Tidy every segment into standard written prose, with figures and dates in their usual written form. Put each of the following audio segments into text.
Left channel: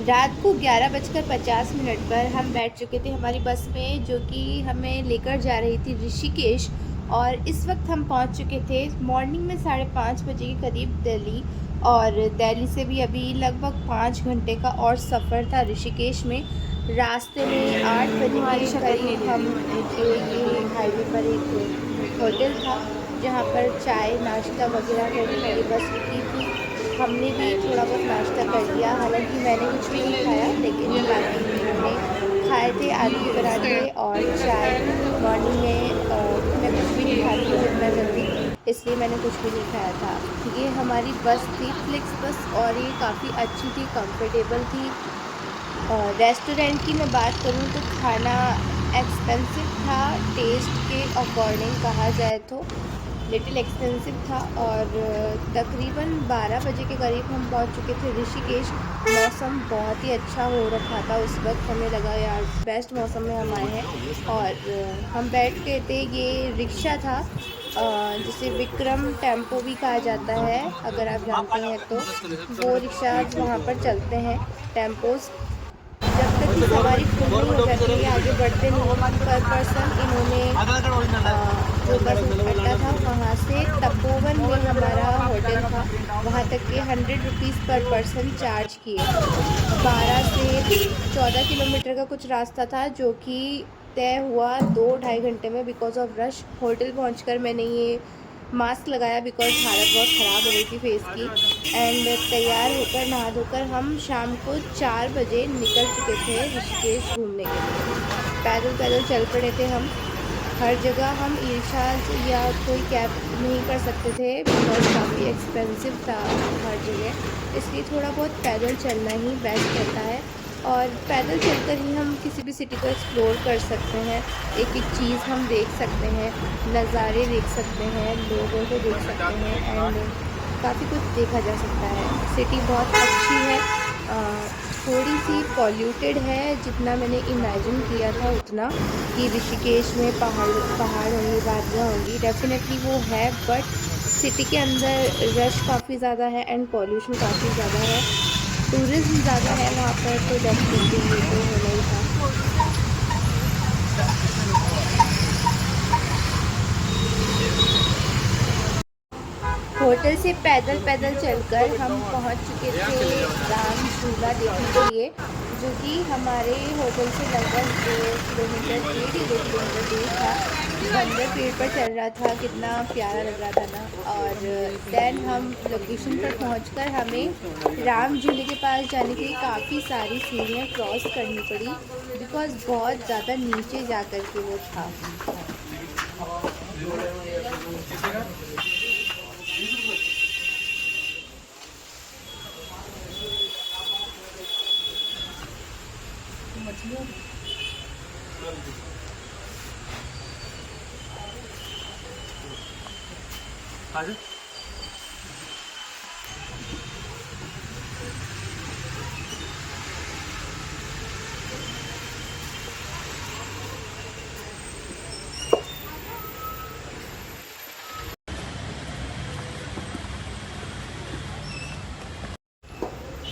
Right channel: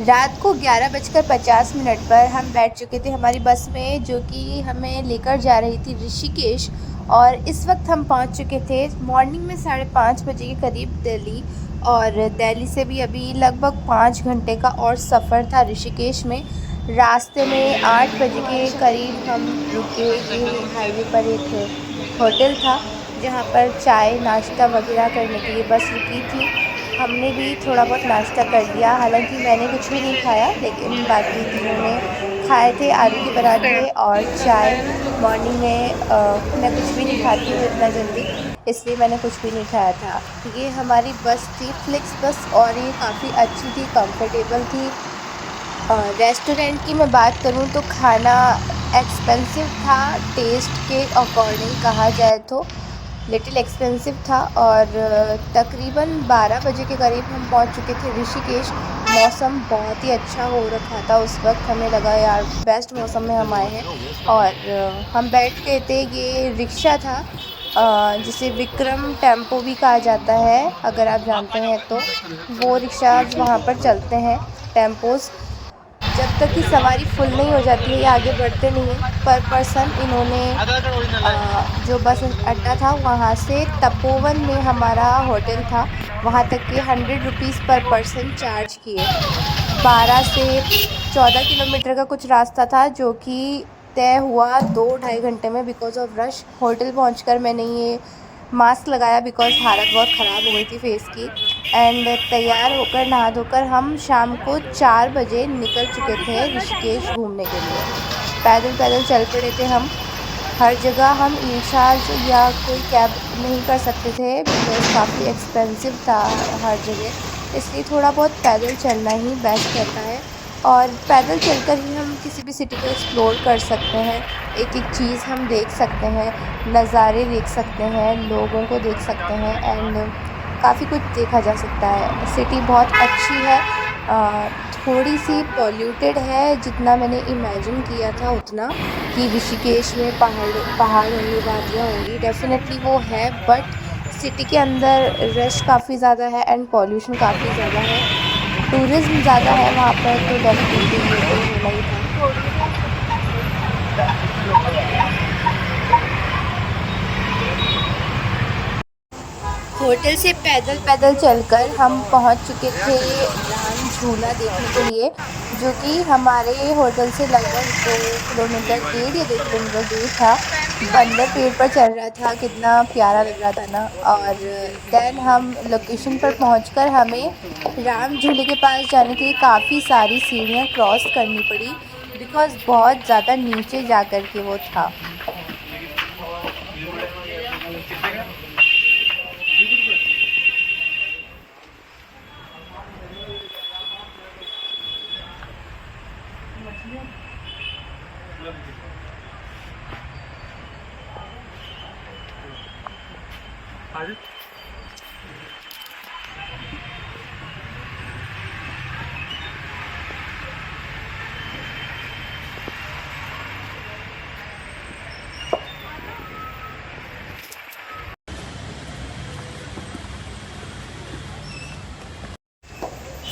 रात को 11:50 पर हम बैठ चुके थे हमारी बस में, जो कि हमें लेकर जा रही थी ऋषिकेश। और इस वक्त हम पहुंच चुके थे मॉर्निंग में 5:30 बजे के करीब दिल्ली। और दिल्ली से भी अभी लगभग 5 घंटे का और सफ़र था ऋषिकेश में। रास्ते में 8 बजे के करीब हम रुके। ये हाईवे पर एक होटल था जहां पर चाय नाश्ता वगैरह करने के लिए बस रुकी थी। हमने भी थोड़ा बहुत नाश्ता कर लिया, हालांकि मैंने कुछ भी नहीं खाया, लेकिन बाकी तीनों ने खाए थे आलू के पराठे और चाय। मॉर्निंग में मैं कुछ भी नहीं खाती हूँ इतना जल्दी, इसलिए मैंने कुछ भी नहीं खाया था। ये हमारी बस थी, फ्लिक्स बस, और ये काफ़ी अच्छी थी, कंफर्टेबल थी। रेस्टोरेंट की मैं बात करूँ तो खाना एक्सपेंसिव था, टेस्ट के अकॉर्डिंग कहा जाए तो लिटिल एक्सपेंसिव था। और तकरीबन 12 बजे के करीब हम पहुंच चुके थे ऋषिकेश। मौसम बहुत ही अच्छा हो रखा था उस वक्त, हमें लगा यार बेस्ट मौसम में हम आए हैं। और हम बैठ गए थे, ये रिक्शा था जिसे विक्रम टेम्पो भी कहा जाता है, अगर आप जानते हैं तो। वो रिक्शा वहाँ पर चलते हैं, टेम्पोज़। जब तक कि सवारी फुल नहीं हो जाती है, ये आगे बढ़ते नहीं हैं। पर पर्सन इन्होंने जो बस अड्डा था वहाँ से तपोवन में हमारा होटल था, वहाँ तक के 100 रुपीज़ पर पर्सन चार्ज किए। 12 से 14 किलोमीटर का कुछ रास्ता था, जो कि तय हुआ 2-2.5 घंटे में बिकॉज़ ऑफ रश। होटल पहुंचकर मैंने ये मास्क लगाया बिकॉज़ हालत बहुत ख़राब हो गई थी फेस की। एंड तैयार होकर नहा धोकर हम शाम को 4 बजे निकल चुके थे ऋषिकेश घूमने के लिए। पैदल पैदल चल पड़े थे हम। हर जगह हम ई-रिक्शाज़ या कोई कैब नहीं कर सकते थे बिकॉज़ काफ़ी एक्सपेंसिव था हर जगह, इसलिए थोड़ा बहुत पैदल चलना ही बेस्ट रहता है। और पैदल चलकर ही हम किसी भी सिटी को एक्सप्लोर कर सकते हैं, एक एक चीज़ हम देख सकते हैं, नज़ारे देख सकते हैं, लोगों को देख सकते हैं, एंड काफ़ी कुछ देखा जा सकता है। सिटी बहुत अच्छी है, थोड़ी सी पॉल्यूटेड है जितना मैंने इमेजिन किया था उतना, कि ऋषिकेश में पहाड़ होंगे, वादियाँ होंगी, डेफिनेटली वो है। बट सिटी के अंदर रश काफ़ी ज़्यादा है एंड पॉल्यूशन काफ़ी ज़्यादा है, टूरिज़्म ज़्यादा है वहाँ पर, तो डेफिनेटली ये तो होना ही था। होटल से पैदल पैदल चलकर हम पहुंच चुके थे राम झूला देखने के लिए, जो कि हमारे होटल से लगभग 2 किलोमीटर, 1.5 या 2 किलोमीटर दूर था। बंदर पेड़ पर चढ़ रहा था, कितना प्यारा लग रहा था ना। और देन हम लोकेशन पर पहुंचकर हमें राम झूले के पास जाने के लिए काफ़ी सारी सीढ़ियां क्रॉस करनी पड़ी बिकॉज़ बहुत ज़्यादा नीचे जा कर के वो था।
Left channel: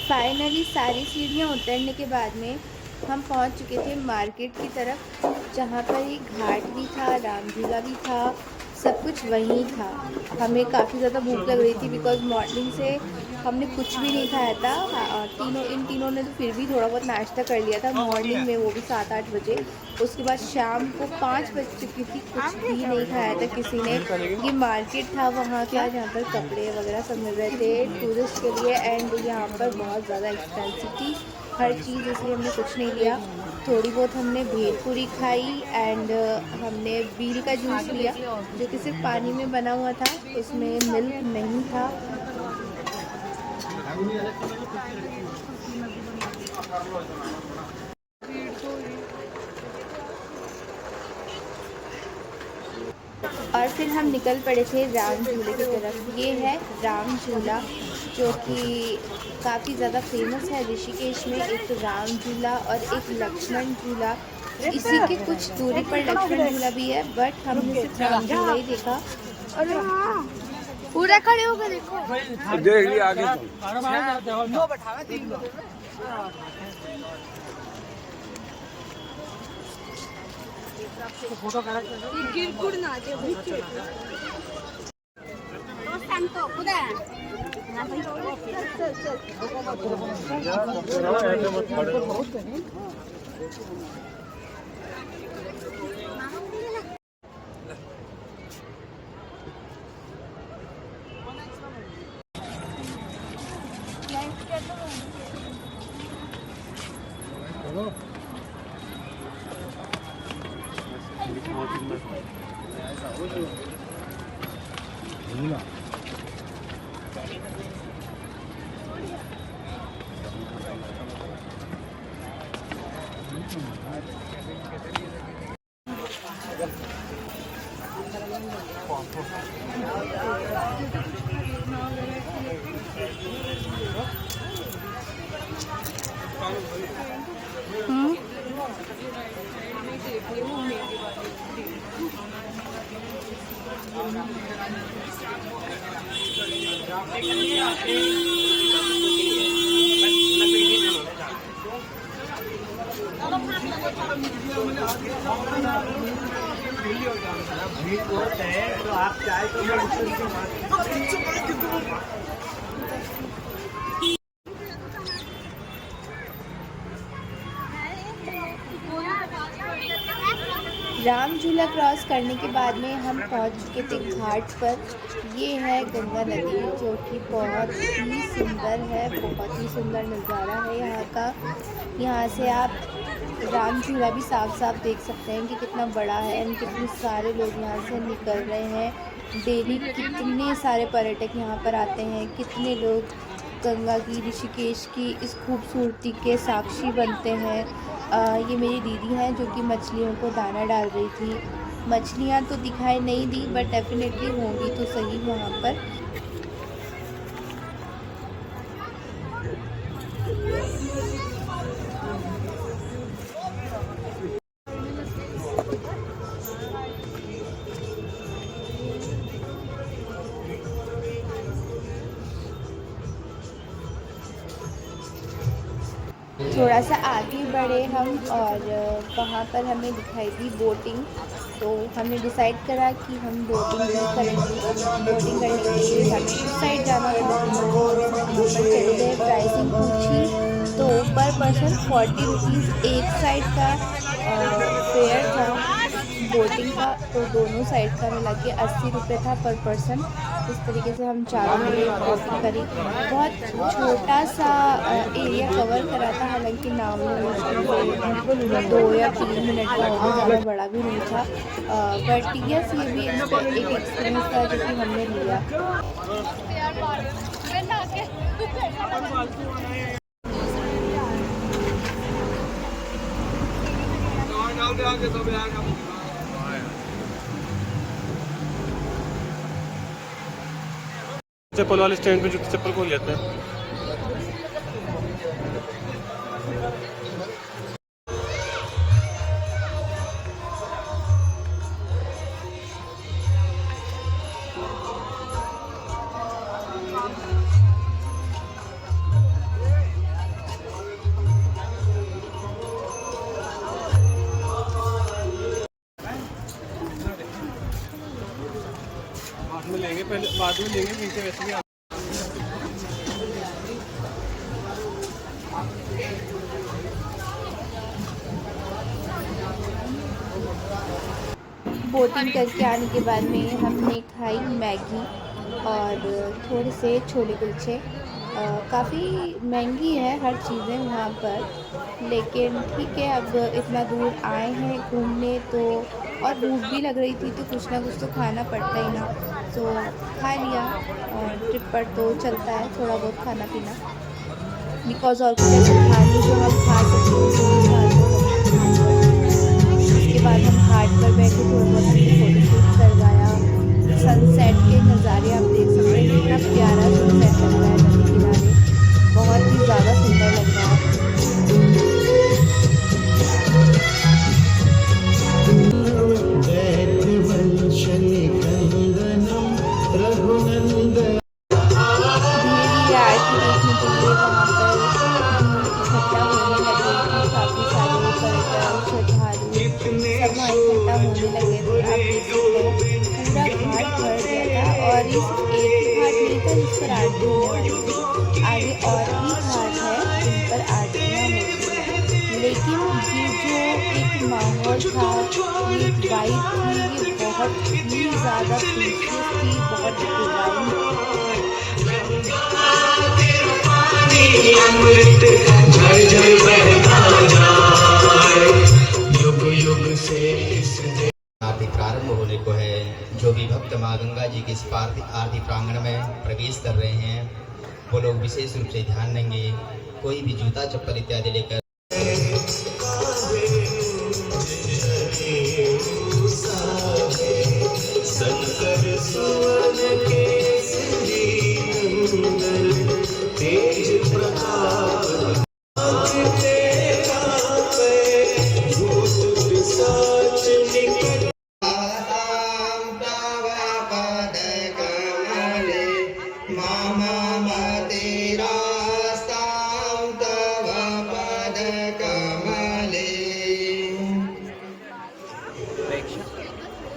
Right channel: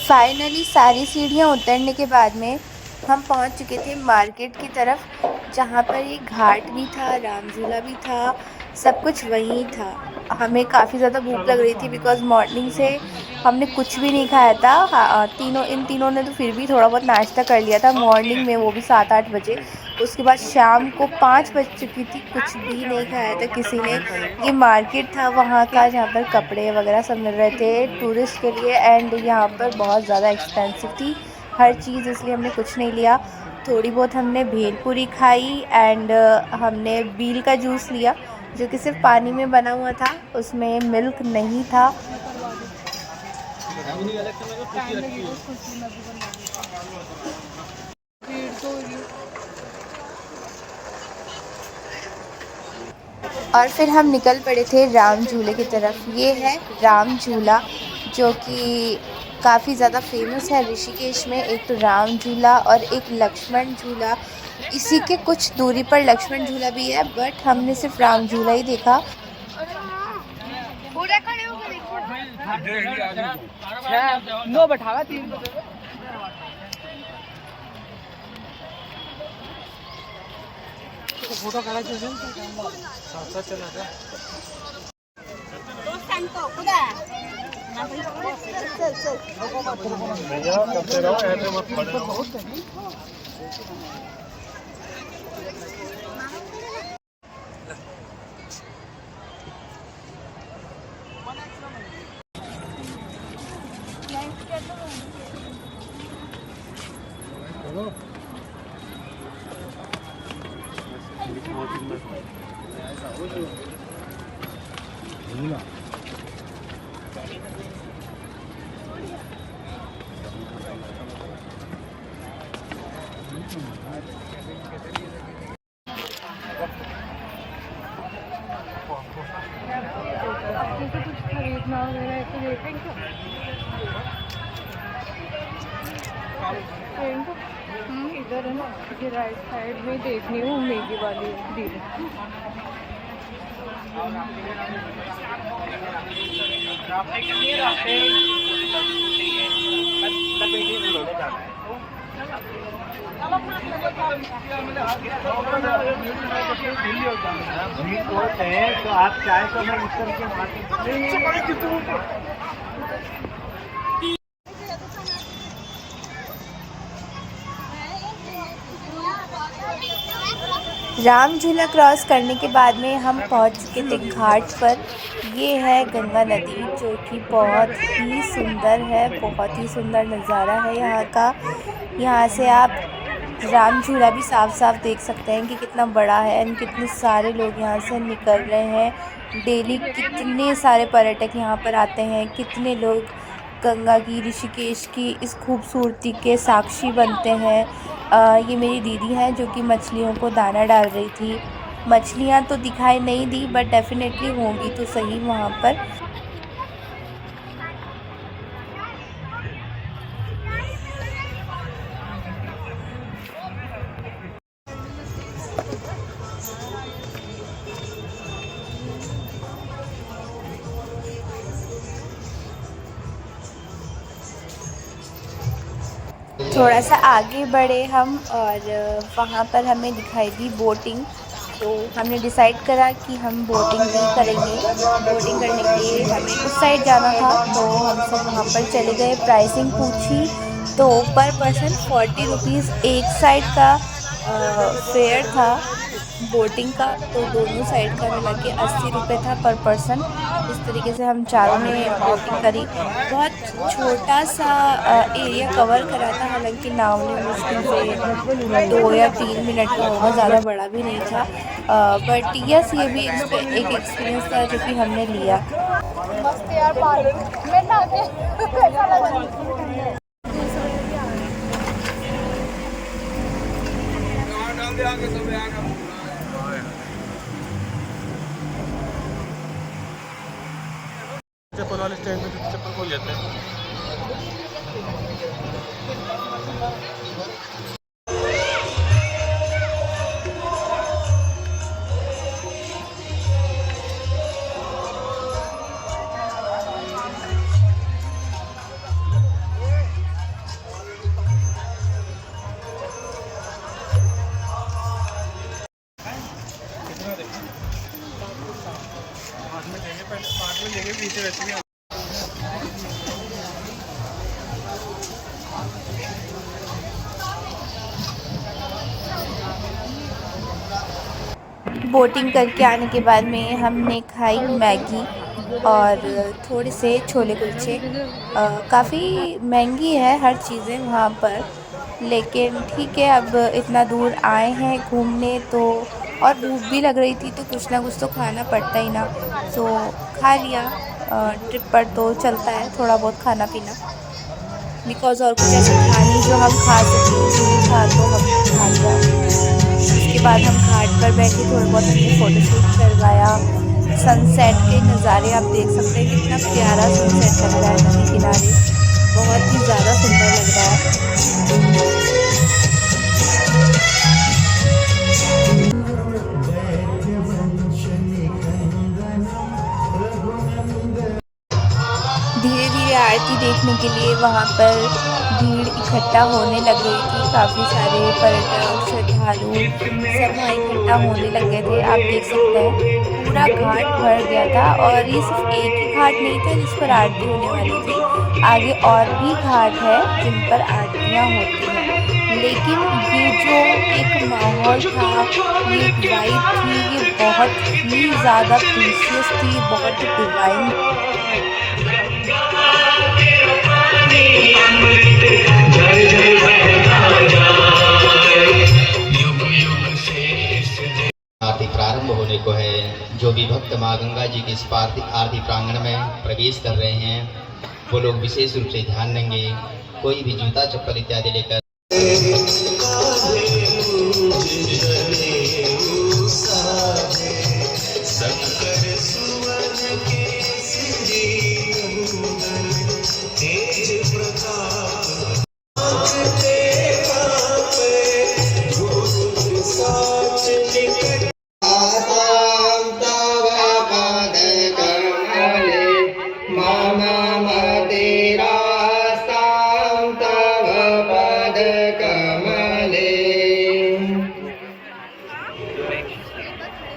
फाइनली सारी सीढ़ियाँ उतरने के बाद में हम पहुंच चुके थे मार्केट की तरफ, जहाँ पर एक घाट भी था, राम झूला भी था, सब कुछ वहीं था। हमें काफ़ी ज़्यादा भूख लग रही थी बिकॉज़ मॉर्निंग से हमने कुछ भी नहीं खाया था। इन तीनों ने तो फिर भी थोड़ा बहुत नाश्ता कर लिया था मॉर्निंग में, वो भी 7-8 बजे। उसके बाद शाम को 5 बज चुकी थी, कुछ भी नहीं खाया था किसी ने। ये मार्केट था वहाँ का, जहाँ पर कपड़े वगैरह सब मिल रहे थे टूरिस्ट के लिए, एंड यहाँ पर बहुत ज़्यादा एक्सपेंसिव थी हर चीज़, इसलिए हमने कुछ नहीं लिया। थोड़ी बहुत हमने भेलपूरी खाई एंड हमने बील का जूस लिया, जो कि सिर्फ पानी में बना हुआ था, उसमें मिल्क नहीं था। और फिर हम निकल पड़े थे राम झूले की तरफ। ये है राम झूला, जो कि काफ़ी ज़्यादा फेमस है ऋषिकेश में। एक तो राम झूला और एक लक्ष्मण झूला, इसी के कुछ दूरी पर लक्ष्मण झूला भी है, बट हमने सिर्फ राम झूला ही देखा। पूरा खड़े होकर देखो। देख लिया आगे तो। नो बैठावा 3 बजे। राइट साइड में देखनी हूँ मेगी वाली तो आप चाय का राम झूला क्रॉस करने के बाद में हम पहुंच चुके थे घाट पर। ये है गंगा नदी जो कि बहुत ही सुंदर है, बहुत ही सुंदर नज़ारा है यहाँ का। यहाँ से आप राम झूला भी साफ साफ देख सकते हैं कि कितना बड़ा है एंड कितने सारे लोग यहाँ से निकल रहे हैं। डेली कितने सारे पर्यटक यहाँ पर आते हैं, कितने लोग गंगा की, ऋषिकेश की इस खूबसूरती के साक्षी बनते हैं। ये मेरी दीदी हैं जो कि मछलियों को दाना डाल रही थी। मछलियाँ तो दिखाई नहीं दी बट डेफिनेटली होंगी तो सही वहाँ पर। थोड़ा सा आगे बढ़े हम और वहाँ पर हमें दिखाई दी बोटिंग। तो हमने डिसाइड करा कि हम बोटिंग भी करेंगे। बोटिंग करने के लिए हमें उस साइड जाना था तो हम सब वहाँ पर चले गए। प्राइसिंग पूछी तो पर पर्सन 40 रुपीज़ एक साइड का फेयर था बोटिंग का, तो दोनों साइड का मिला के 80 रुपये था पर पर्सन। इस तरीके से हम चारों ने बोटिंग करी। बहुत छोटा सा एरिया कवर करा था, हालांकि नाव ने मुश्किल से 2 या 3 मिनट का होगा, ज़्यादा बड़ा भी नहीं था। बट यस, ये भी एक एक्सपीरियंस था जो कि हमने लिया। चप्पल वाले स्टैंड पे जूते चप्पल को लेते हैं। बाद में लेंगे पीछे वैसे भी। बोटिंग करके आने के बाद में हमने खाई मैगी और थोड़े से छोले कुलचे। काफ़ी महंगी है हर चीज़ें वहाँ पर, लेकिन ठीक है, अब इतना दूर आए हैं घूमने तो, और भूख भी लग रही थी तो कुछ ना कुछ तो खाना पड़ता ही ना, तो खा लिया। ट्रिप पर तो चलता है थोड़ा बहुत खाना पीना, बिकॉज़ और कुछ ऐसा था नहीं जो हम खा सकें, जो भी था तो हम खा लिया। उसके बाद हम घाट पर बैठे, थोड़ा बहुत हमने फ़ोटोशूट करवाया। सनसेट के नज़ारे आप देख सकते हैं, कितना प्यारा सनसेट लग रहा है नदी किनारे, बहुत ही ज़्यादा सुंदर लग रहा है। धीरे धीरे आरती देखने के लिए वहाँ पर भीड़ इकट्ठी इकट्ठा होने लग गई थी। काफ़ी सारे पर्यटक, श्रद्धालु सब वहाँ इकट्ठा होने लग गए थे। आप देख सकते हैं पूरा घाट भर गया था, और ये सिर्फ एक ही घाट नहीं था जिस पर आरती होने वाली थी। आगे और भी घाट है जिन पर आरतियाँ होती हैं, लेकिन ये जो एक माहौल था, ये एक वाइब थी, ये बहुत ही ज़्यादा प्रीशियस थी, बहुत ही डिवाइन। आरती प्रारंभ होने को है। जो भी भक्त माँ गंगा जी के इस आरती प्रांगण में प्रवेश कर रहे हैं, वो लोग विशेष रूप से ध्यान देंगे। कोई भी जूता चप्पल इत्यादि लेकर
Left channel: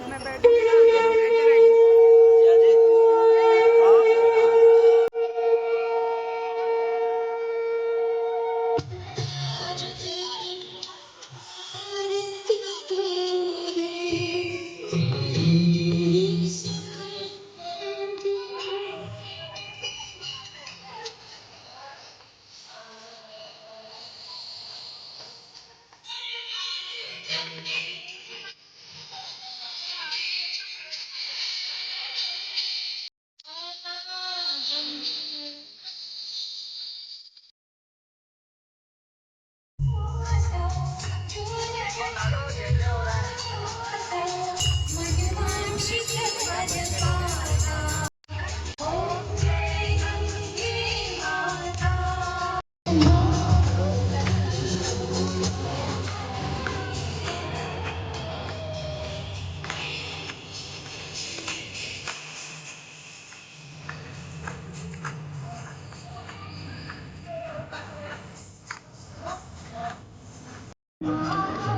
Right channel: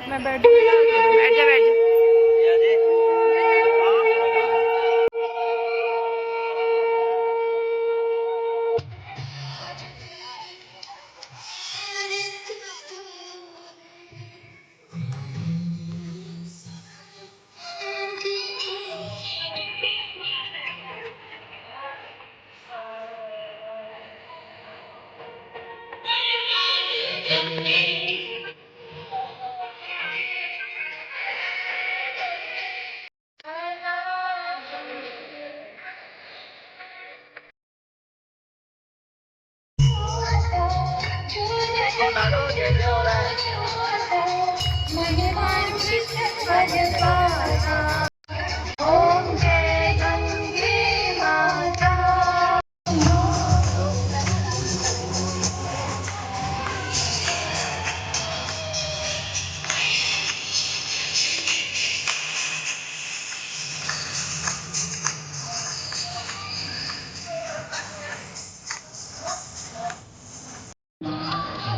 मैं बैठ जा बैठ जा।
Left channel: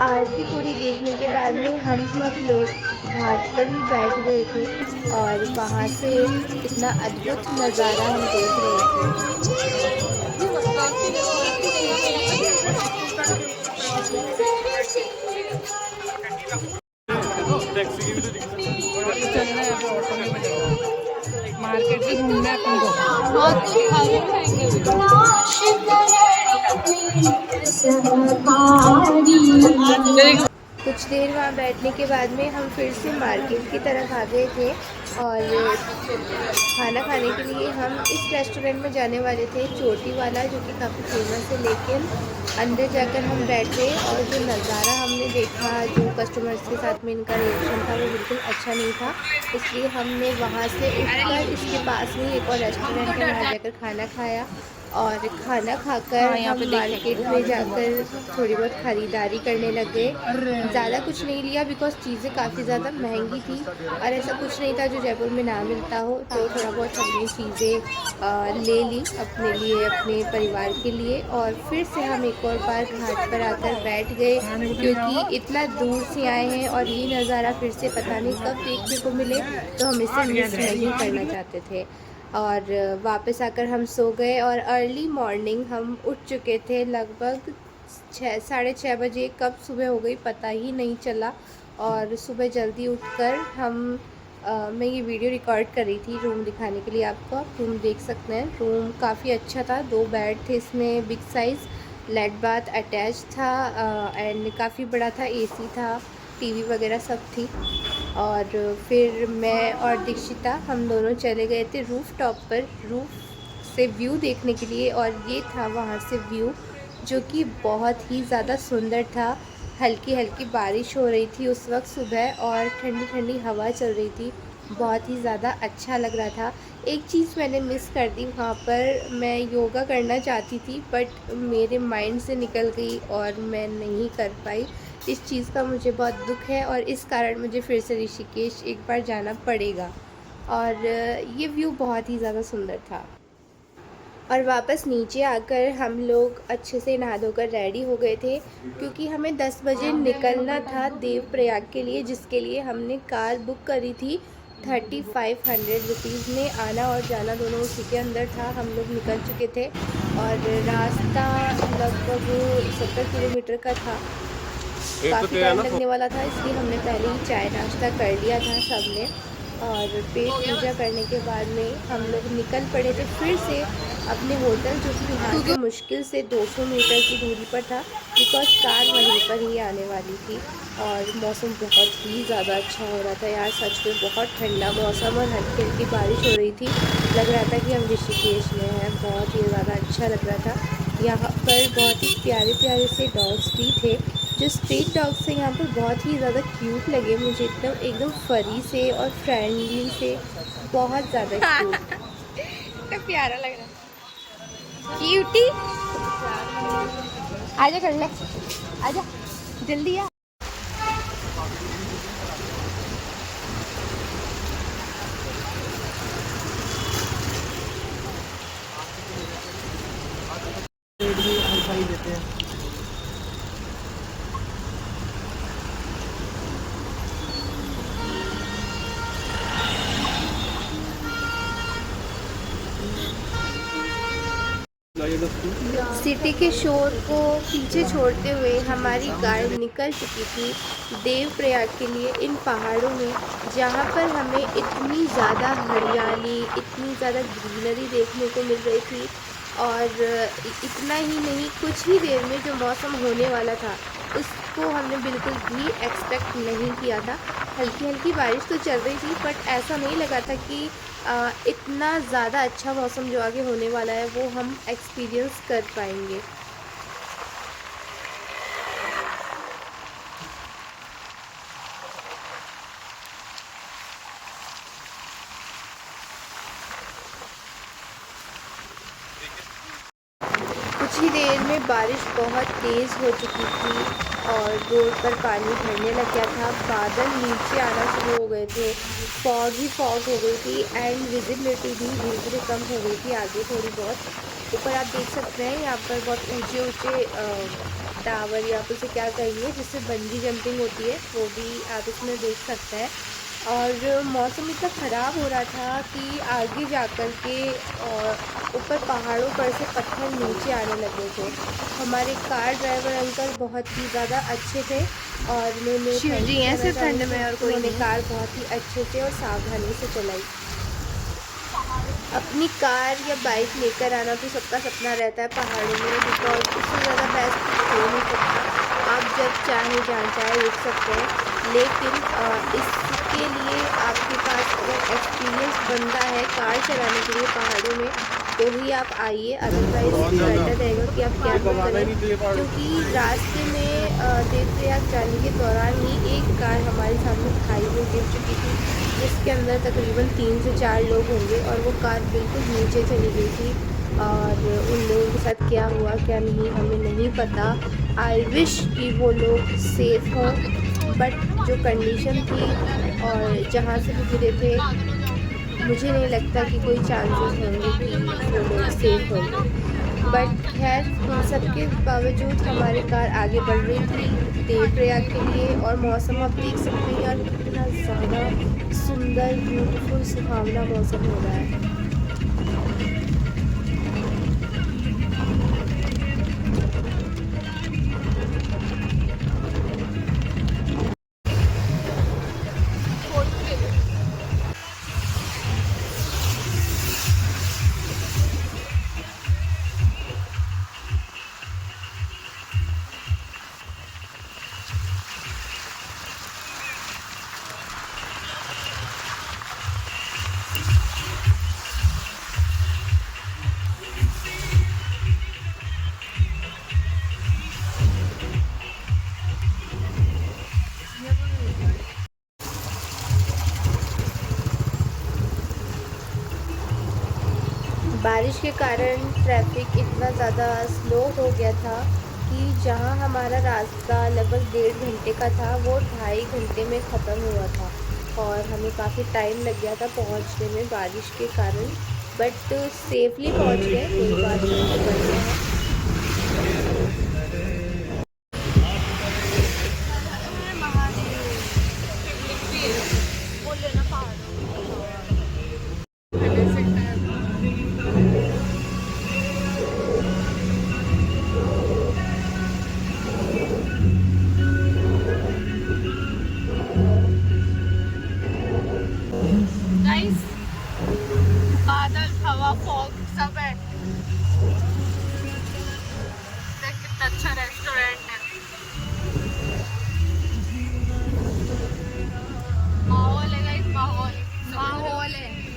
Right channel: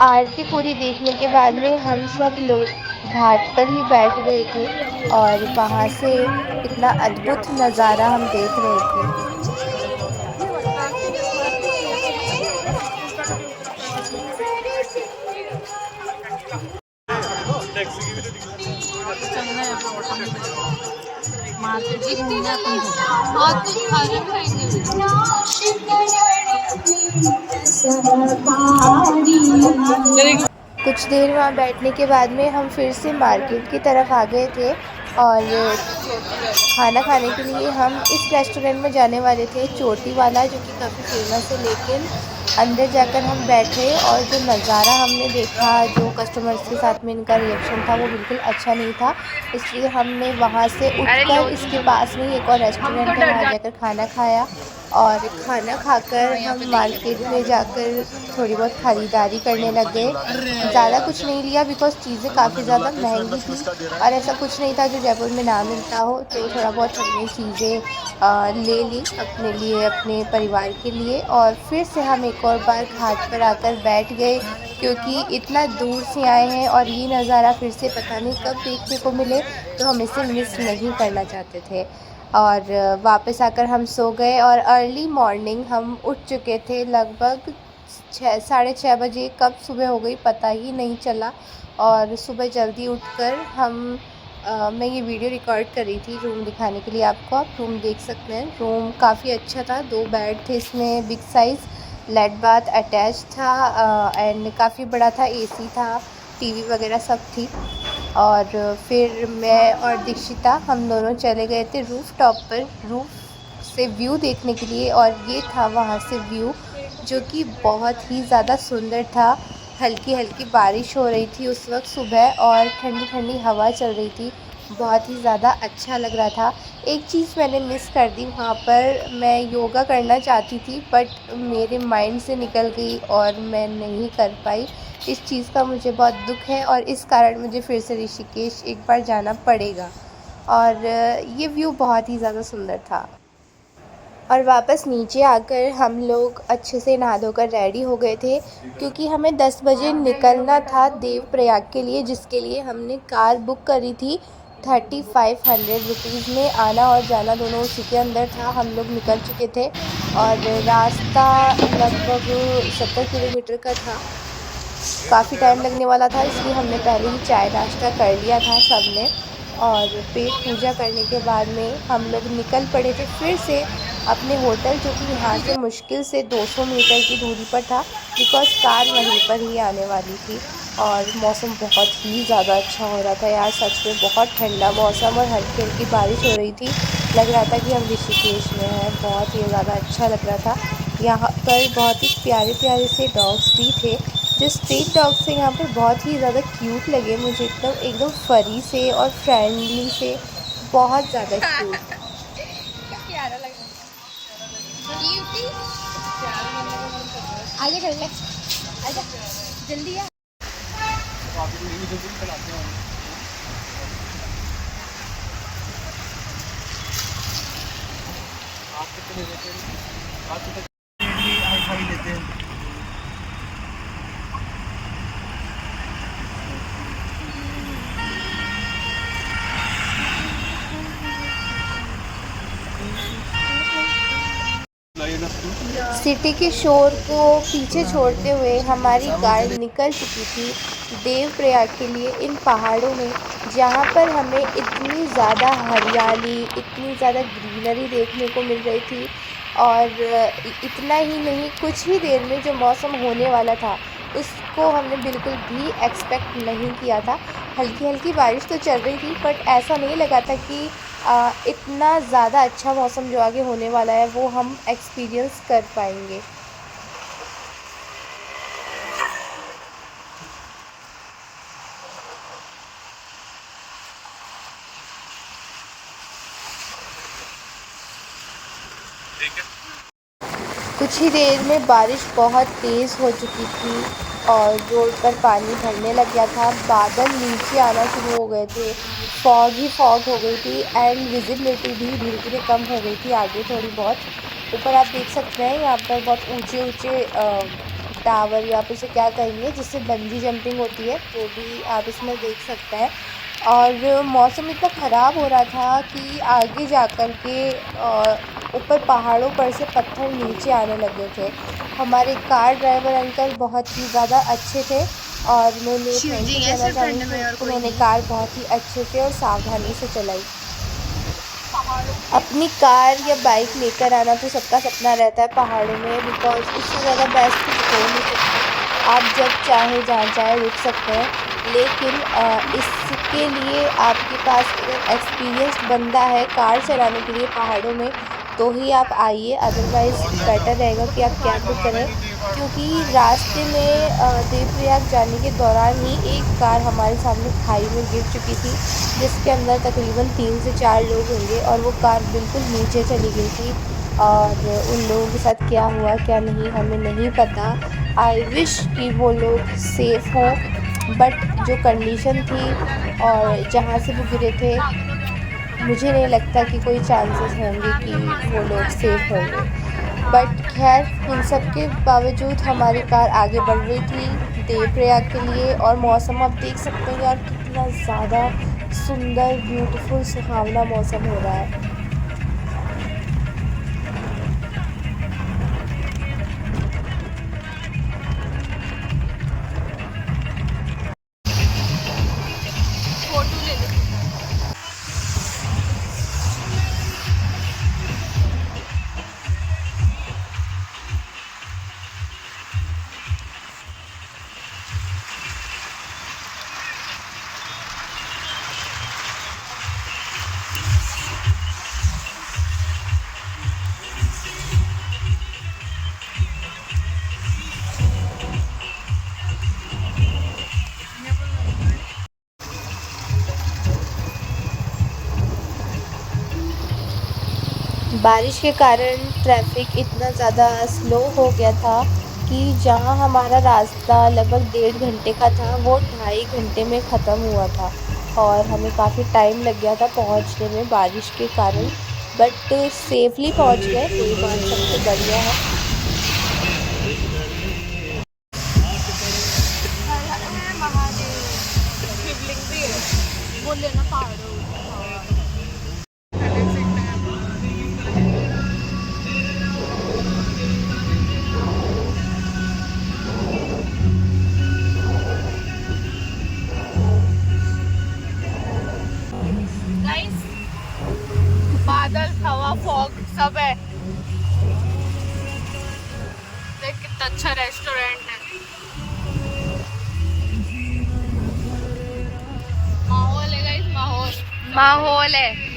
आरती पूरी देखने के बाद में हम सब लोग घाट पर ही बैठ गए थे, और वहाँ से इतना अद्भुत नज़ारा हम देख रहे थे। चलना है ऑटो में, मार्केट भी घूमना है तुमको। हाँ तो खाने खाएंगे। कुछ देर वहाँ बैठने के बाद में हम फिर से मार्केट की तरफ आ गए थे, और खाना खाने के लिए हम इस रेस्टोरेंट में जाने वाले थे, चोटी वाला, जो कि काफ़ी फेमस है। लेकिन अंदर जाकर हम बैठे और जो नज़ारा हमने देखा, जो कस्टमर्स के साथ में इनका रिएक्शन था, वो बिल्कुल अच्छा नहीं था। इसलिए हमने वहाँ से उठकर इसके पास में एक और रेस्टोरेंट है, वहाँ जाकर खाना खाया। और खाना खाकर हम मार्केट में जाकर थोड़ी बहुत ख़रीदारी करने लग गए। ज़्यादा कुछ नहीं लिया, बिकॉज़ चीज़ें काफ़ी ज़्यादा महंगी थी, और ऐसा कुछ नहीं था जो जयपुर में ना मिलता हो। तो थोड़ा बहुत हमने चीज़ें ले ली अपने लिए, अपने परिवार के लिए, और फिर से हम एक और बार घाट पर आकर बैठ गए, क्योंकि इतना दूर से आए हैं और ये नज़ारा फिर से पता नहीं कब देखने को मिले, तो हम इसे मिस नहीं करना चाहते थे। और वापस आकर हम सो गए, और अर्ली मॉर्निंग हम उठ चुके थे। लगभग 6 साढ़े 6 बजे कब सुबह हो गई पता ही नहीं चला। और सुबह जल्दी उठकर मैं ये वीडियो रिकॉर्ड कर रही थी रूम दिखाने के लिए आपको। आप रूम देख सकते हैं, रूम काफ़ी अच्छा था। 2 बेड थे इसमें, बिग साइज़, लेट बाथ अटैच था, एंड काफ़ी बड़ा था, एसी था, टीवी वगैरह सब थी। और फिर मैं और दीक्षिता हम दोनों चले गए थे रूफ़ टॉप पर, रूफ़ से व्यू देखने के लिए। और ये था वहाँ से व्यू, जो कि बहुत ही ज़्यादा सुंदर था। हल्की हल्की बारिश हो रही थी उस वक्त सुबह, और ठंडी ठंडी हवा चल रही थी, बहुत ही ज़्यादा अच्छा लग रहा था। एक चीज़ मैंने मिस कर दी वहाँ पर, मैं योगा करना चाहती थी बट मेरे माइंड से निकल गई और मैं नहीं कर पाई। इस चीज़ का मुझे बहुत दुख है, और इस कारण मुझे फिर से ऋषिकेश एक बार जाना पड़ेगा। और ये व्यू बहुत ही ज़्यादा सुंदर था। और वापस नीचे आकर हम लोग अच्छे से नहा धोकर रेडी हो गए थे, क्योंकि हमें 10 बजे निकलना था देवप्रयाग के लिए, जिसके लिए हमने कार बुक करी थी 3500 रुपीज़ में। आना और जाना दोनों उसी के अंदर था। हम लोग निकल चुके थे और रास्ता लगभग 70 किलोमीटर का था। काफ़ी टाइम लगने वाला था, इसलिए हमने पहले ही चाय नाश्ता कर लिया था सब ने। और पेट पूजा करने के बाद में हम लोग निकल पड़े थे फिर से अपने होटल, जो कि यहाँ से मुश्किल से 200 मीटर की दूरी पर था, बिकॉज़ कार वहीं पर ही आने वाली थी। और मौसम बहुत ही ज़्यादा अच्छा हो रहा था यार, सच में बहुत ठंडा मौसम और हल्की हल्की बारिश हो रही थी। लग रहा था कि हम ऋषिकेश में हैं, बहुत ही ज़्यादा अच्छा लग रहा था। यहाँ पर बहुत ही प्यारे प्यारे से डॉग्स भी थे। जो स्ट्रीट डॉग्स थे यहाँ पर बहुत ही ज़्यादा क्यूट लगे मुझे, एकदम एकदम फरी से और फ्रेंडली से, बहुत ज़्यादा क्यूट। कितना प्यारा लग रहा है। क्यूटी आजा कर ले, आजा जल्दी आ। रेट भी हाई फाई लेते हैं। सिटी के शोर को पीछे छोड़ते हुए हमारी कार निकल चुकी थी देवप्रयाग के लिए, इन पहाड़ों में, जहाँ पर हमें इतनी ज़्यादा हरियाली, इतनी ज़्यादा ग्रीनरी देखने को मिल रही थी। और इतना ही नहीं, कुछ ही देर में जो मौसम होने वाला था उसको हमने बिल्कुल भी एक्सपेक्ट नहीं किया था। हल्की हल्की बारिश तो चल रही थी, बट ऐसा नहीं लगा था कि इतना ज़्यादा अच्छा मौसम जो आगे होने वाला है वो हम एक्सपीरियंस कर पाएंगे। कुछ ही देर में बारिश बहुत तेज़ हो चुकी थी और रोड पर पानी भरने लग गया था। बादल नीचे आना शुरू हो गए थे, फॉग ही फॉग हो गई थी एंड विजिबिलिटी भी धीरे धीरे कम हो गई थी आगे थोड़ी बहुत। ऊपर आप देख सकते हैं यहाँ पर बहुत ऊंचे ऊंचे टावर, या आप उसे क्या कहेंगे, जिससे बंजी जंपिंग होती है, वो भी आप इसमें देख सकते हैं। और मौसम इतना ख़राब हो रहा था कि आगे जा कर के ऊपर पहाड़ों पर से पत्थर नीचे आने लगे थे। हमारे कार ड्राइवर अंकल बहुत ही ज़्यादा अच्छे थे और उन्होंने कार बहुत ही अच्छे से और सावधानी से चलाई। अपनी कार या बाइक लेकर आना तो सबका सपना रहता है पहाड़ों में, बिकॉज उससे ज़्यादा बेस्ट कुछ हो नहीं सकता। आप जब चाहे जहाँ चाहे रुक सकते हैं, लेकिन इसके लिए आपके पास अगर एक्सपीरियंस बंदा है कार चलाने के लिए पहाड़ों में, तो ही आप आइए, अदरवाइज़ बेटर रहेगा कि आप कैब बुक करें। क्योंकि रास्ते में देवप्रयाग जाने के दौरान ही एक कार हमारे सामने खाई में गिर चुकी थी, जिसके अंदर तकरीबन 3 से 4 लोग होंगे और वो कार बिल्कुल नीचे चली गई थी। और उन लोगों के साथ क्या हुआ क्या नहीं हमें नहीं पता। आई विश कि वो लोग सेफ़ हों, बट जो कंडीशन थी और जहाँ से वो गिरे थे, मुझे नहीं लगता कि कोई चांसेस होंगे कि वो लोग सेफ़ होंगे। बट खैर, इन सब के बावजूद हमारी कार आगे बढ़ रही थी देवप्रयाग के लिए। और मौसम आप देख सकते हैं यार, कितना ज़्यादा सुंदर, ब्यूटीफुल, सुहावना मौसम हो रहा है। बारिश के कारण ट्रैफिक इतना ज़्यादा स्लो हो गया था कि जहां हमारा रास्ता लगभग 1.5 घंटे का था, वो 2.5 घंटे में ख़त्म हुआ था और हमें काफ़ी टाइम लग गया था पहुंचने में बारिश के कारण। बट सेफली पहुंच गए, कोई बात, सब तो बढ़िया है। गाइस, बादल, हवा, फॉग सब है। देख कितना अच्छा रेस्टोरेंट है। माहौल है गाइस, माहौल है।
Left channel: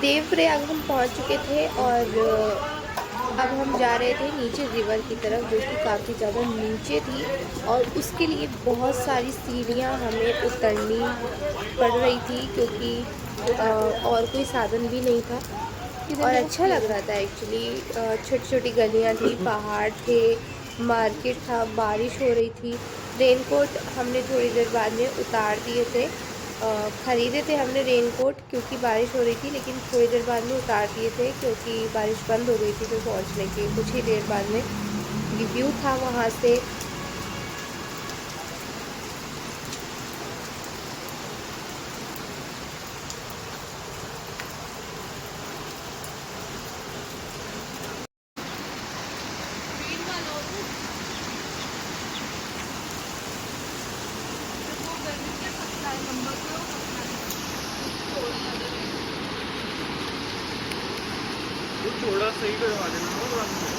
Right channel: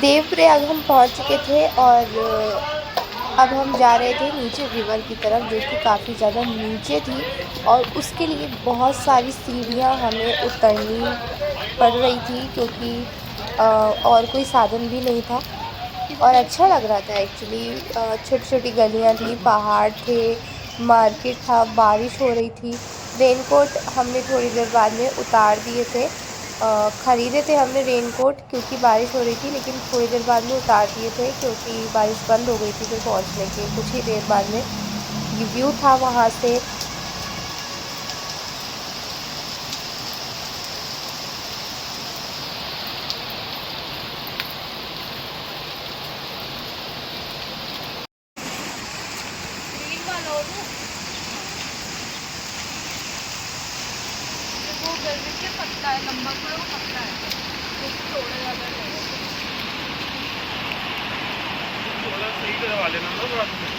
देवप्रयाग हम पहुंच चुके थे और अब हम जा रहे थे नीचे रिवर की तरफ, जो कि काफ़ी ज़्यादा नीचे थी और उसके लिए बहुत सारी सीढ़ियां हमें उतरनी पड़ रही थी, क्योंकि और कोई साधन भी नहीं था। और अच्छा लग रहा था एक्चुअली। छोटी छोटी गलियां थी, पहाड़ थे, मार्केट था, बारिश हो रही थी। रेनकोट हमने थोड़ी देर बाद में उतार दिए थे। ख़रीदे थे हमने रेनकोट क्योंकि बारिश हो रही थी, लेकिन थोड़ी देर बाद में उतार दिए थे क्योंकि बारिश बंद हो गई थी। फिर पहुंचने के कुछ ही देर बाद में ये व्यू था वहाँ से। थोड़ा सही करवा लेना ना बाद में।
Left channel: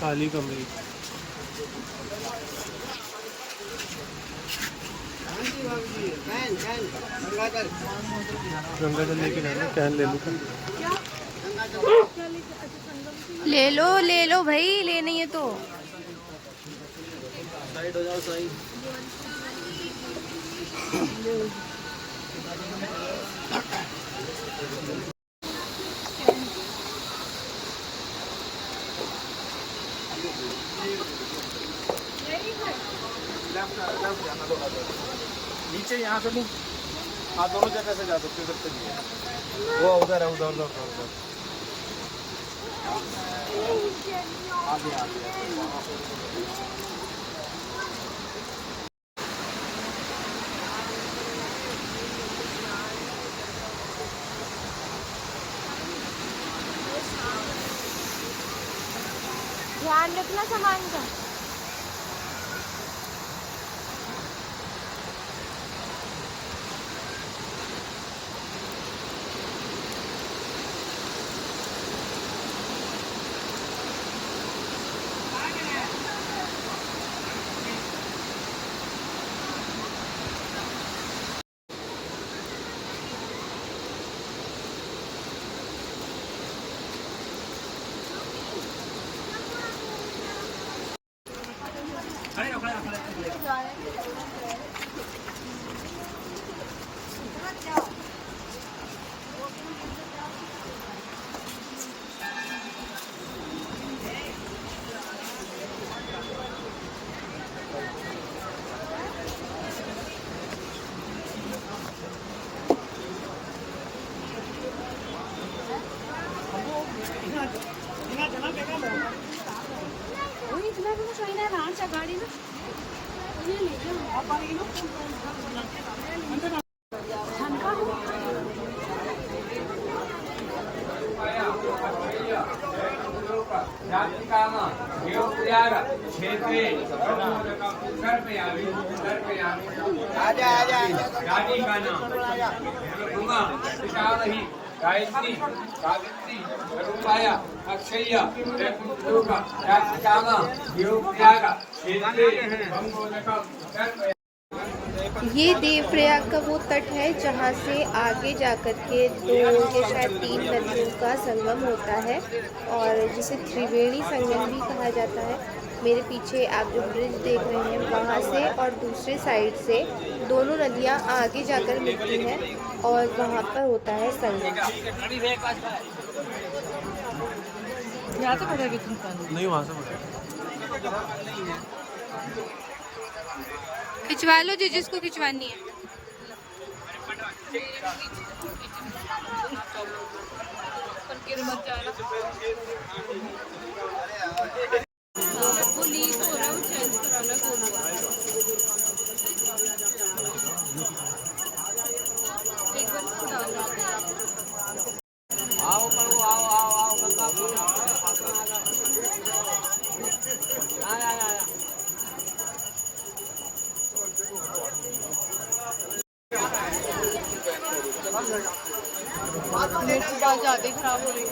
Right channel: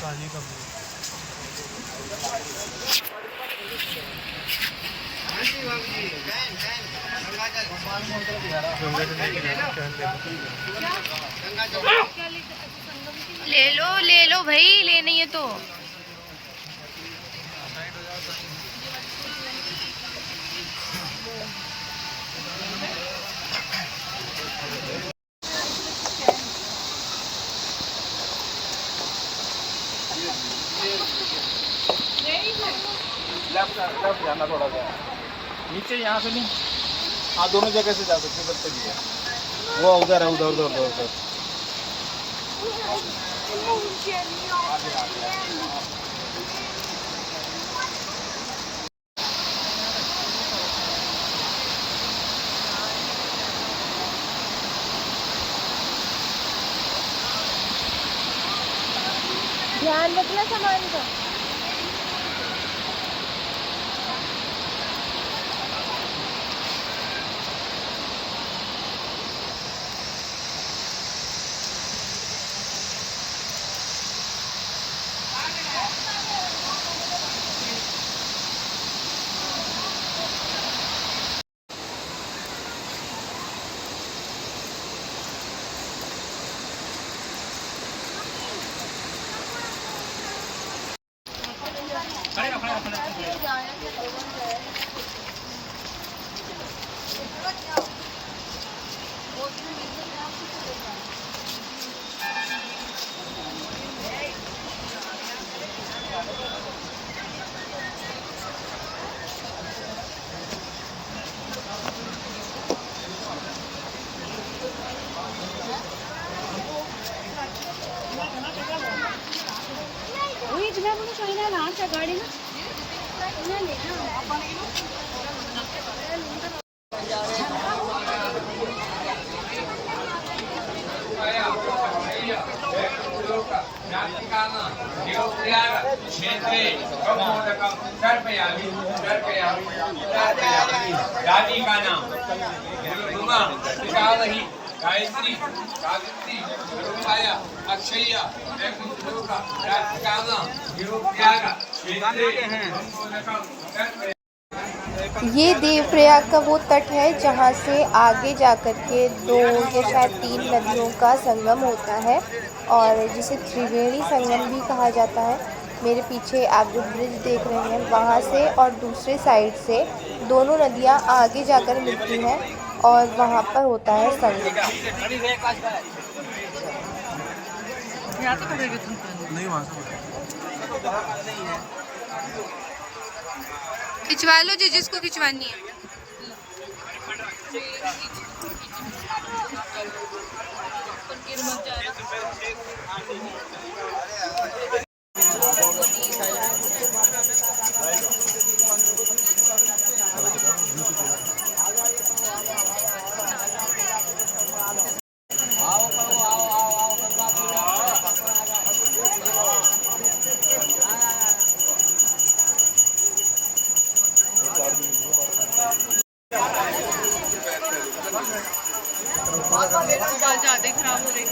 खाली कमरे। ले लो भाई, लेनी है तो। नीचे यहाँ से नहीं, हाँ दोनों जगह से जा सकते हैं। वो उधर है, उधर उधर उधर। ध्यान रखना सामान का। दादी का नाम गायत्री, सावित्री, करुणाया, अक्षया, ये देवप्रयाग का वो तट है जहाँ से आगे जाकर के 2 या शायद 3 नदियों का संगम होता है और जिसे त्रिवेणी संगम भी कहा जाता है। मेरे पीछे आप जो ब्रिज देख रहे हैं वहाँ से और दूसरे साइड से दोनों नदियाँ आगे जाकर मिलती हैं और वहाँ पर होता है संगम। खिंचवा लो जी जिसको खिंचवानी है। ज़्यादा खराब हो रही है।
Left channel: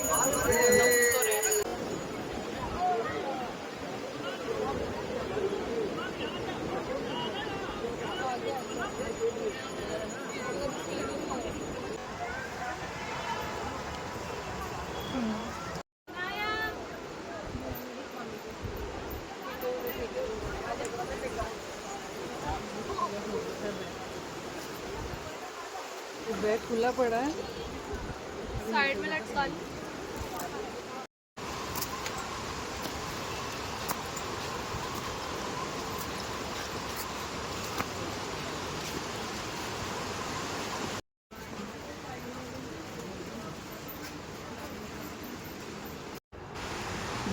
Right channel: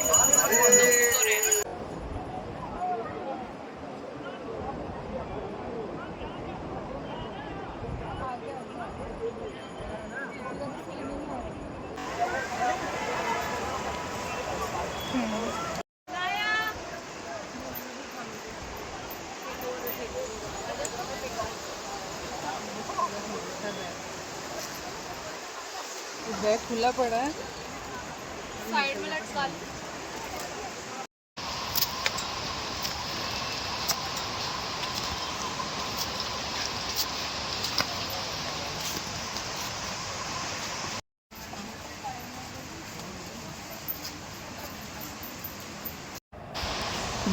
बैग खुला पड़ा है, साइड में लटका लो।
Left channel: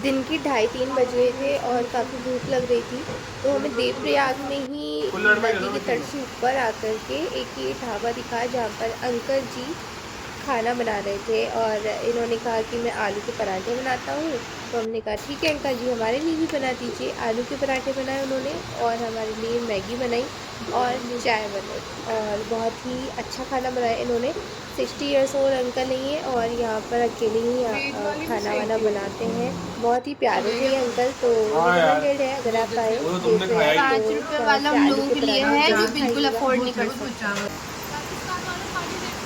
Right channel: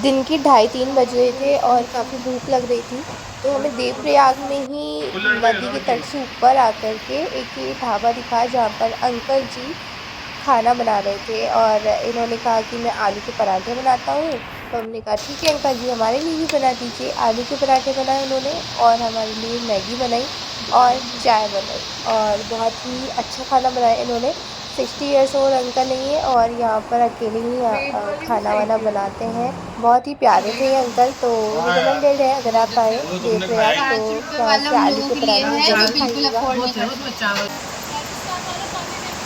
दिन की 2:30-3 बज रहे थे और काफ़ी भूख लग रही थी, तो हमें देवप्रयाग में ही नदी के तट से ऊपर आकर के एक ये ढाबा दिखा जहाँ पर अंकल जी खाना बना रहे थे और इन्होंने कहा कि मैं आलू के पराठे बनाता हूँ। तो हमने कहा ठीक है अंकल जी, हमारे लिए भी बना दीजिए। आलू के पराठे बनाए उन्होंने और हमारे लिए मैगी बनाई और चाय बनाई और बहुत ही अच्छा खाना बनाया इन्होंने। 60 इयर्स ओल्ड अंकल ही हैं और यहाँ पर अकेले ही खाना वाना बनाते हैं। बहुत ही प्यारे थे ये अंकल, तो रिकमेंडेड है अगर आप आए देवप्रयाग तो 5 रुपये यहाँ वाला से हम आलू लोगों के के लिए पराठे है जरूर जो बिल्कुल खाइएगा। अफोर्ड नहीं कर सकते। राजस्थान वाला पानी देखो।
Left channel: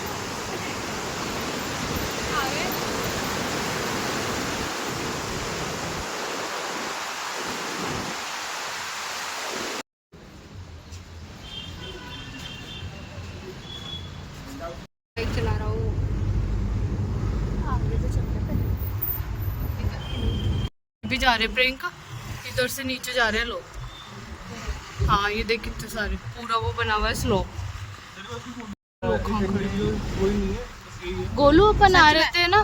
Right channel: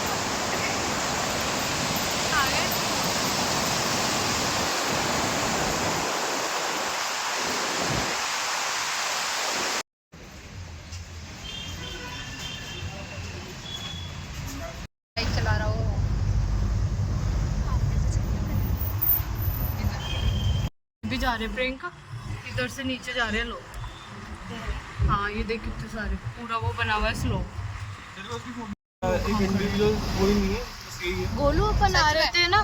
बाइक चला रहा हो भी जा रहे प्रियंका, इधर से नीचे जा रहे हैं लोग। हाँ ये देख कितने सारे, पूरा वो बना हुआ है स्लो। गोलू अपन आ रहे थे ना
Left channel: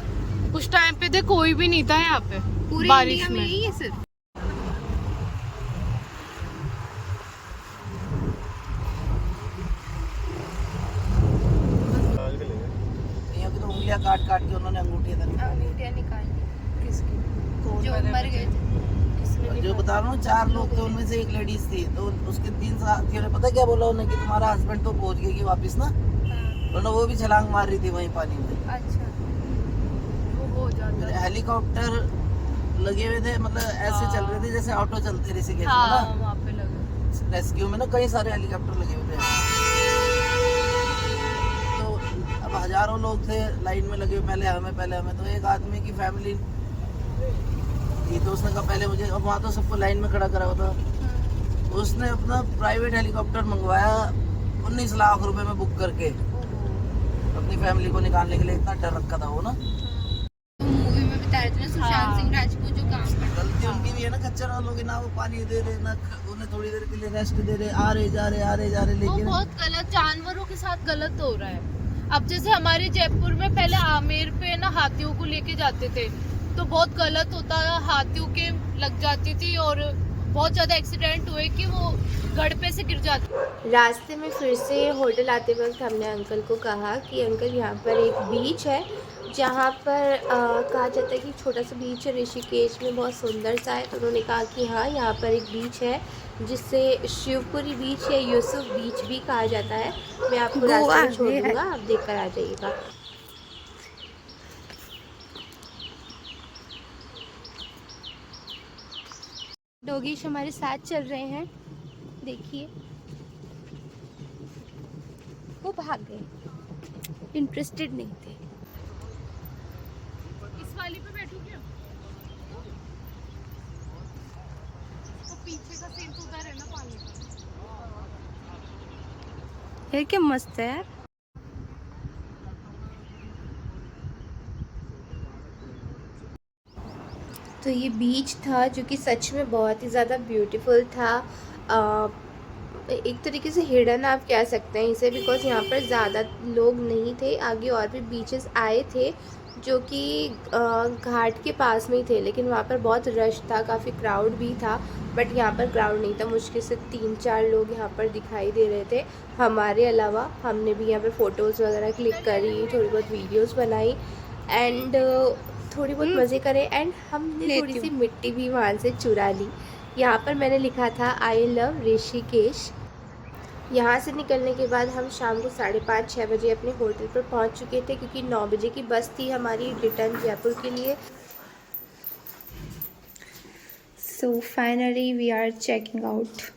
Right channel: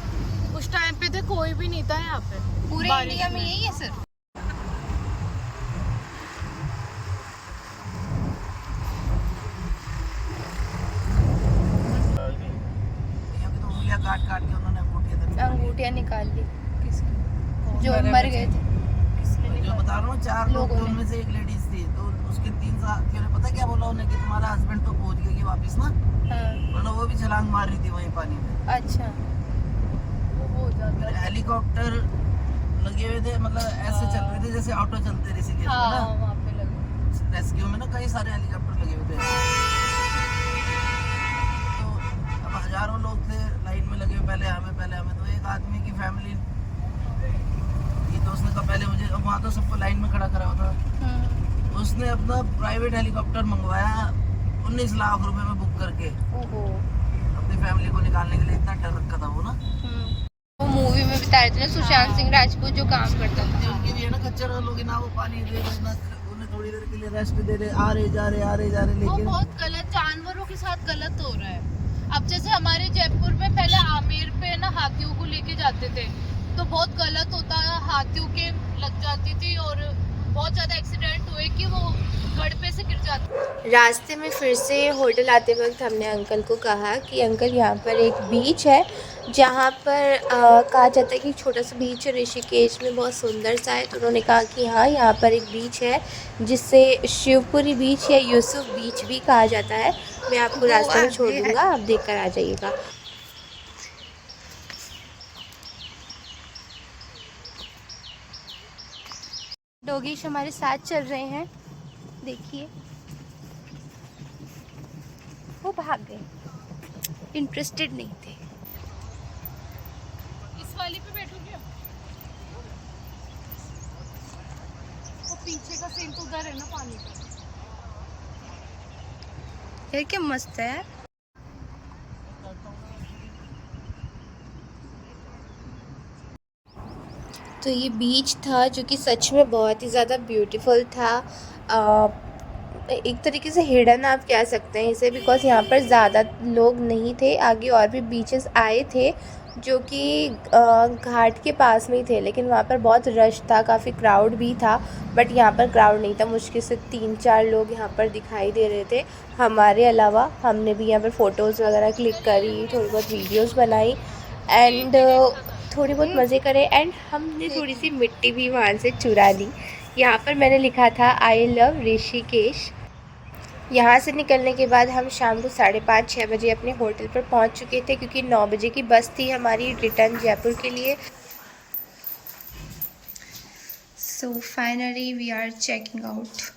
उस टाइम पे, देख कोई भी नहीं था यहाँ पे पूरे बारिश इंडिया में यही है सिर्फ। उंगलियां काट काट के उन्होंने अंगूठियाँ निकाल दी किसकी जो मर गए थे। किसने जो बता रहा हूँ 4 लोग थे, उनमें से एक लेडीज थी, तो उसके 3 साथियों ने पता क्या बोला उन्हें कि तुम्हारा हस्बैंड तो पहुंच गया वापस ना, हाँ, वरना वो भी छलांग मार रही थी वहीं पानी में। अच्छा हो जाता है। हेलीकॉप्टर लगे हुए थे, मतलब ऐसे चल रहे थे जैसे ऑटो चलते ऋषिकेश में हाँ ना, वहाँ पे लगे। रेस्क्यू में ना कई सारे हेलीकॉप्टर लगे हुए थे। तो अब हजारों लोग थे लाइन में लगे हुए, पहले हमें तो एक आदमी की फैमिली थी, तो उसने कहा पहले मुझे, अब वहाँ तो सबको लाइन में खड़ा करा हुआ था, उसने अपना प्राइवेट हेलीकॉप्टर मंगवाया 19 लाख रुपए में बुक करके अपनी फैमिली को निकालने के लिए। इतना डर रखा था वो ना। वो मूवी में बता रहे थे ना सुशांत सिंह राजपूत जो काम करता था। उनकी भी है ना खच्चर वालों की, ना वो पानी दे रहे ना उन्हें थोड़ी देर के लिए रेस्ट दे रहे, आ रहे जा रहे वो लेकिन बहुत गलत, जानवरों के साथ गलत हो रहा है। अब जैसे हमारे जयपुर में पहले आमेर पे ना हाथियों को लेके जाते थे, तो बहुत गलत होता है, हाथियों के लग जाती थी और बहुत ज्यादा एक्सीडेंट हुए कि वो गढ़ पे से गिर जाते। रास्ते में फिर से होटल आते वक्त हमने अंकल को कहा कि अंकल यहाँ पर एक बीच है जहाँ पर कहा जाता है कि एक छोटा सा बीच है ऋषिकेश में, बहुत सुंदर सा है। तो उन्होंने कहा कि हाँ यहाँ पर एक बीच है जिससे शिवपुरी बीच या यूसुफ बीच भी कहा जाता है। मैं आपको रास्ते में छोड़ दूँगा, आप देख कर आ जाइएगा। डॉगीज हमारे साथ चल रहे हैं, देखिए वो भाग गए, इंटरेस्टेड नहीं थे। इस वाली पे बैठोगे? वो पीछे का सीन तो उधर है ना पानी का। यार क्या मस्त है यार। तो ये बीच था जो कि सच में बहुत ही ज़्यादा ब्यूटीफुल था। एक तरीके से हिडन आप कह सकते हैं इसे, बिकॉज़ यहाँ पर ज़्यादा लोग नहीं थे। आगे और भी बीचेस आए थे जो कि घाट के पास में ही थे, लेकिन वहाँ पर बहुत रश था, काफ़ी क्राउड भी था। बट यहाँ पर क्राउड नहीं था, मुश्किल से 3-4 लोग यहाँ पर दिखाई दे रहे थे हमारे अलावा। हमने भी यहाँ पर फ़ोटोज़ वगैरह क्लिक करी, थोड़ी बहुत वीडियोज़ बनाई एंड थोड़ी बहुत मज़े करे। एंड हमने थोड़ी सी मिट्टी भी वहाँ से चुरा ली। यहाँ पर मैंने लिखा था आई लव ऋषिकेश। यहाँ से निकलने के बाद हम शाम को 5:30-6 बजे अपने होटल पर पहुँच चुके थे, क्योंकि 9 बजे की बस थी हमारी रिटर्न जयपुर के लिए। So finally we are checking out.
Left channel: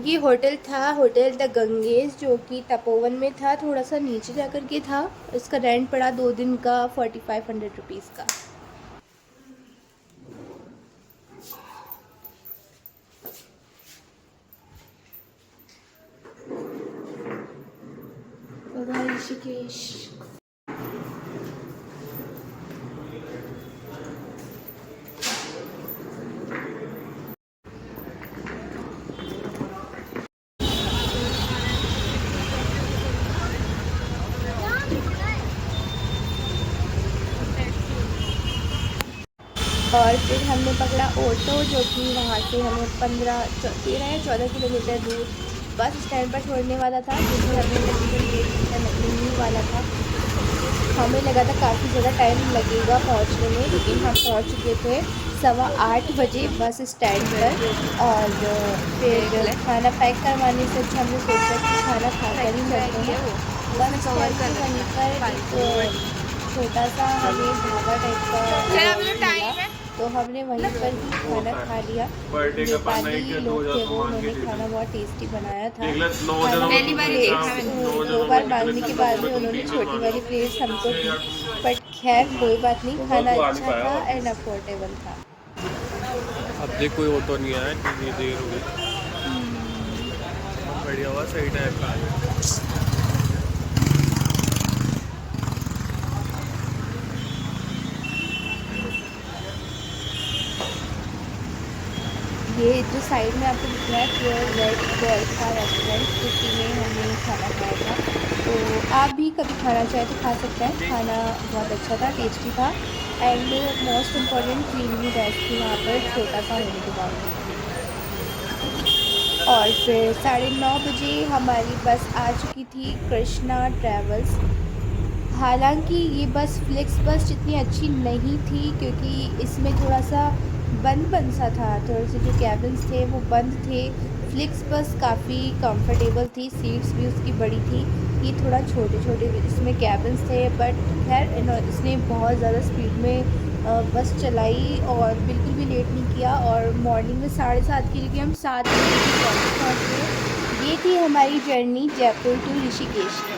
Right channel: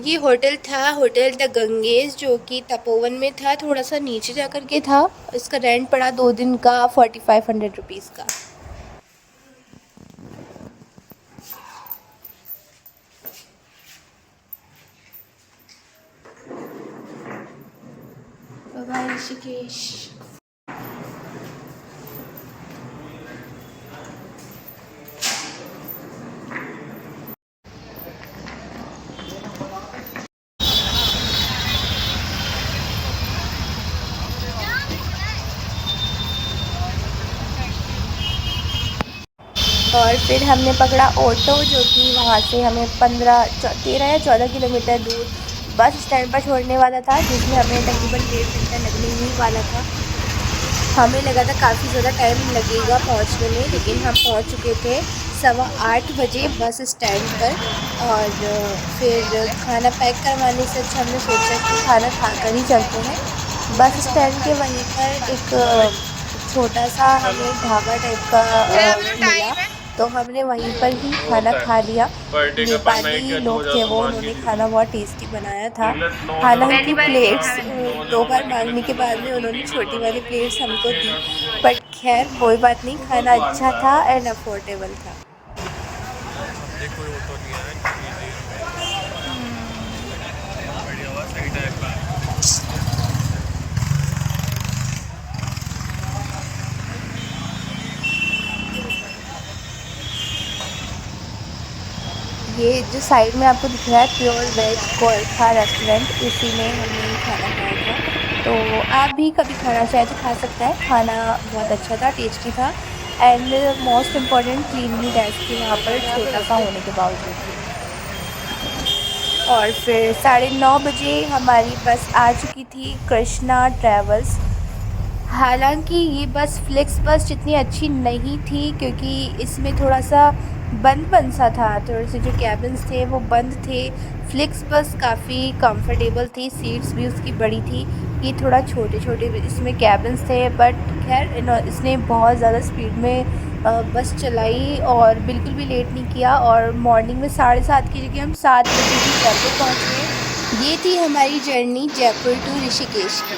ये होटल था होटल द गंगेज, जो कि तपोवन में था, थोड़ा सा नीचे जा कर के था। इसका रेंट पड़ा 2 दिन का 4500 रुपीज़ का। बाय ऋषिकेश। और फिर हमने पकड़ा ऑटो, जो कि वहाँ से हमें 13 या 14 किलोमीटर दूर बस स्टैंड पर छोड़ने वाला था, जिसमें हमें तकरीबन 1.5 घंटा लगने ही वाला था। हमें लगा था काफ़ी ज़्यादा टाइम लगेगा पहुँचने में, लेकिन हम पहुँच चुके थे 8:15 बजे बस स्टैंड पर। और फिर खाना पैक करवाने से अच्छा हमने सोचा कि खाना खा कर ही चलते हैं। बस स्टैंड के वहीं पर एक छोटा सा हमें ढाबा टाइप का मिला, तो हमने वहीं पर ही खाना खा लिया। नेपाली लोग थे वो, उन्होंने खाना बहुत टेस्टी बनाया था। हालांकि प्लेट्स 2 बार मांगने के बाद में उन्होंने छोटी वाली प्लेट्स हमको दी, बट खैर कोई बात नहीं, खाना अच्छा था एंड अफोर्डेबल था। देख कोई वो तो नहीं आया, कितनी देर हो गई। बढ़िया हुआ, सही टाइम पे आया। ये जो साइड में आपको दिख रहा है प्योर वेज गोरखा रेस्टोरेंट, इसी में हमने खाना खाया था। तो आप भी कभी खाना चाहे तो खा सकते हैं। खाना बहुत अच्छा था, टेस्टी था एंड मोस्ट इम्पॉर्टेंट क्लीनलीनेस थी वहाँ पर, छोटा सा होने के बावजूद भी। और फिर 9:30 बजे हमारी बस आ चुकी थी कृष्णा ट्रैवल्स। हालांकि ये बस फ्लिक्स बस जितनी अच्छी नहीं थी, क्योंकि इसमें थोड़ा सा बंद सा था, थोड़े से जो कैबिन्स थे वो बंद थे। फ्लिक्स बस काफ़ी कंफर्टेबल थी, सीट्स भी उसकी बड़ी थी। ये थोड़ा छोटे इसमें कैबिन्स थे, बट खैर इसने बहुत ज़्यादा स्पीड में बस चलाई और बिल्कुल भी लेट नहीं किया। और मॉर्निंग में 7:30 की जगह हम 7 बजे जयपुर पहुँच गए। ये थी हमारी जर्नी जयपुर टू ऋषिकेश की।